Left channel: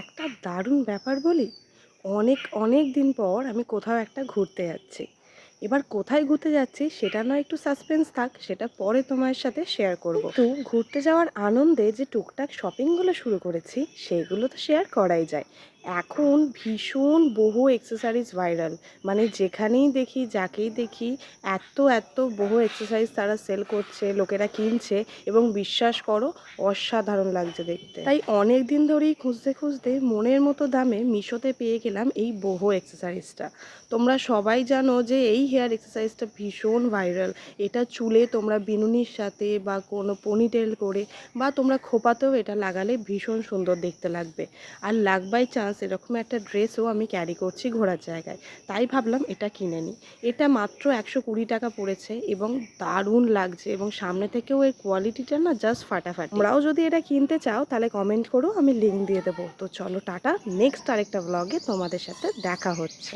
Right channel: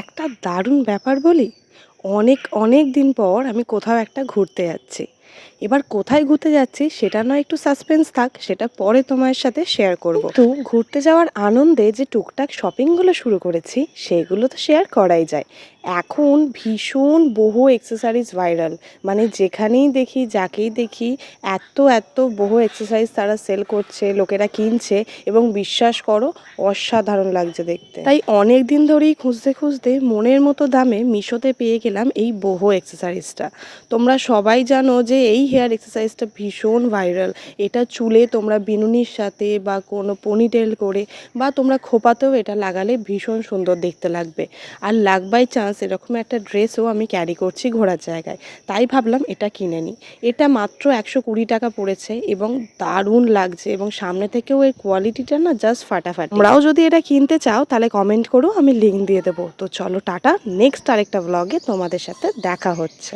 একটা দারুণ ব্যাপার বলি। অনেক অনেক দিন পর আমি কোথাও একটা ঘুরতে যাচ্ছি। এবার কোথায় ঘুরতে যাচ্ছি সেটা নয়, একটু সাসপেন্স থাক, সেটা পরে তোমার সাথে শেয়ার করব। কিন্তু ঘুরতে যাওয়ার আনন্দে যে টুকটাক শপিংগুলো শুরু করেছি সেগুলো তো শেয়ার করাই যায়। এখন ভীষণ বহু এক্সেসরিজ ভাইরাল, মানে যেখানেই দেখি যাকেই দেখি এত এত বহু এক্সেসরিজ তারা সেল করছে, লোকেরা কিনছে এবং বিশ্বাস করো অসাধারণ লাগছে দেখতে। তাই অনেক দিন ধরেই খুঁজতে খুঁজতে মনের মতো দামে মিশোতে পেয়ে গেলাম এই বহু এক্সেসরিজটা। তোমরা সবাই জানো যে এই হেয়ার এক্সারসাইজটা ভীষণ ভাইরাল। এটা চুলে তোমরা বিনুনির সাথে বা কোনো পনিটেল করে বা তোমরা খোপাতেও এটা লাগালে ভীষণ সুন্দর দেখতে লাগবে। আর লাক বাই চান্স এরকম একটা ড্রেসও আমি ক্যারি করছি ঘোরার জায়গায়, তাই ভাবলাম এটা কিনে নিই। এটা মাত্র 120 টাকা পড়েছে এবং দারুণ লাগছে, এবং সামনে থেকেও এর কোয়ালিটিটা না জাস্ট ফাটাফাটি। তোমরাও যদি এটা কিনতে চাও তাহলে কমেন্ট করো, আমি লিঙ্ক দিয়ে দেবো। তো চলো টাটা, নেক্সট আরেকটা ব্লগে তোমাদের সাথে দেখা হচ্ছে।